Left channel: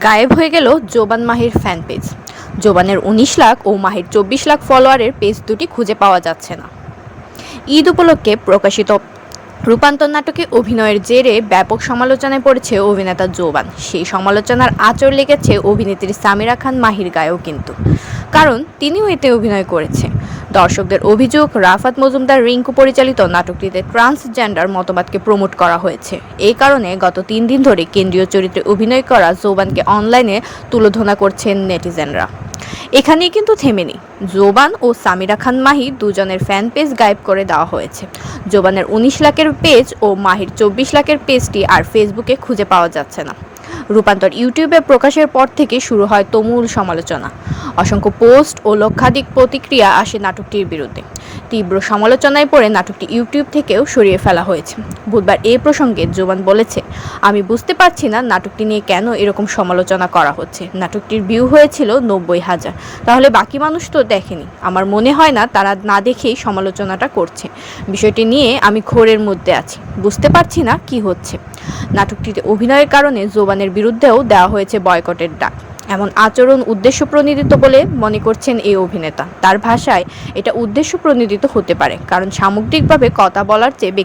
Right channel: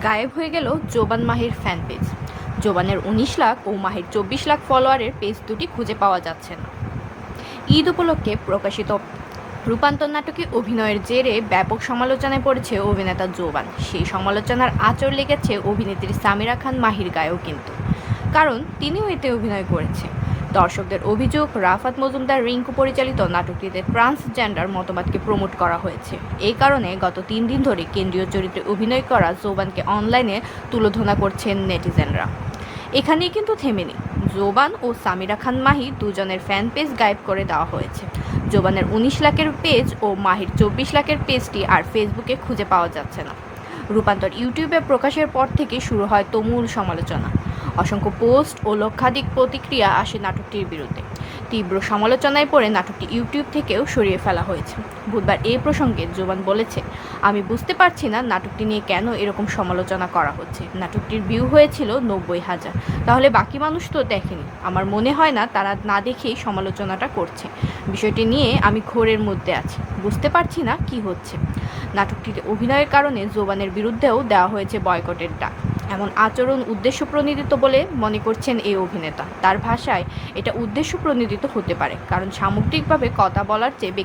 গায়েব হয়ে গেল জোবান মাহির ফ্যান পেজ। জোবানের ১৯ লাখ ও মাহির ২৪ লাখ ফলোয়ারের পেজ দুটি খুঁজে পাওয়া যাচ্ছে না। ঈদ উপলক্ষে প্রকাশিত রূপান্তর নাটকে অভিনয়ের জেরে ব্যাপক সমালোচনায় পড়েছে অভিনেতা জোবান। সেই সমালোচনার আঁচড় লেগেছে অভিনেত্রী সামিরা খান মাহির গায়েও কিন্তু, কারণ তিনিও এতে অভিনয় করেছে। দর্শকদের অভিযোগ, রাফাত মজুমদার রিঙ্কু পরিচালিত নাটকটিতে ট্রান্সজেন্ডার মতবাদকে প্রমোট করা হয়েছে। এই কারণে গত ৩ দিন ধরে কেন্দ্রীয় চরিত্রে অভিনয় করা জোবানকে অনলাইনে তুলোধনা করছেন নেটিজেনরা। এখানেই কিন্তু থেমেনি। জোবান ও সামিরা খান মাহি দুজনের ফ্যান পেজ গায়েব করে দেওয়া হয়েছে। জোবানের ১৯ লাখের পেজ ও মাহির ২৪ লাখের পেজটি আর ফেসবুকে খুঁজে পাওয়া যাচ্ছে না। রূপান্তর ইউটিউবে প্রকাশের পর থেকে শুরু হয় তুমুল সমালোচনা। অসংখ্য পোস্ট ও লক্ষাধিক প্রতিক্রিয়া আসে নাটকটির বিরুদ্ধে। তীব্র সমালোচনায় পড়ে নাটকটি ইউটিউব থেকেও সরিয়ে ফেলা হয়েছে। বুধবার এ প্রসঙ্গে জোবান বলেছে, আমি বুঝতে পারছি না নাটকটি নিয়ে কেন এরকম সমালোচনা করা হচ্ছে। নাটকটির ভিউ হয়েছিল ৯০,০০০, তাহলে বাকি মানুষ তো দেখেনি। আমার মনে হয় না তারা না দেখেই সমালোচনাটা করছে। বিষয়টি নিয়ে আমি ঘোরের মধ্যে আছি, বুঝতে পারছি না কি হচ্ছে। নাটকটিতে অভিনয়ের কারণে জোবানের বিরুদ্ধেও দেওয়া হয়েছে বয়কটের ডাক। এমন আচরণ উদ্দেশ্যপ্রণোদিত বলে মনে করছেন এই অভিনেতা। তার ভাষায় এটা উদ্দেশ্যপ্রণোদিত হতে পারে, কারণ সামগ্রিকভাবে কথা বলার চেয়ে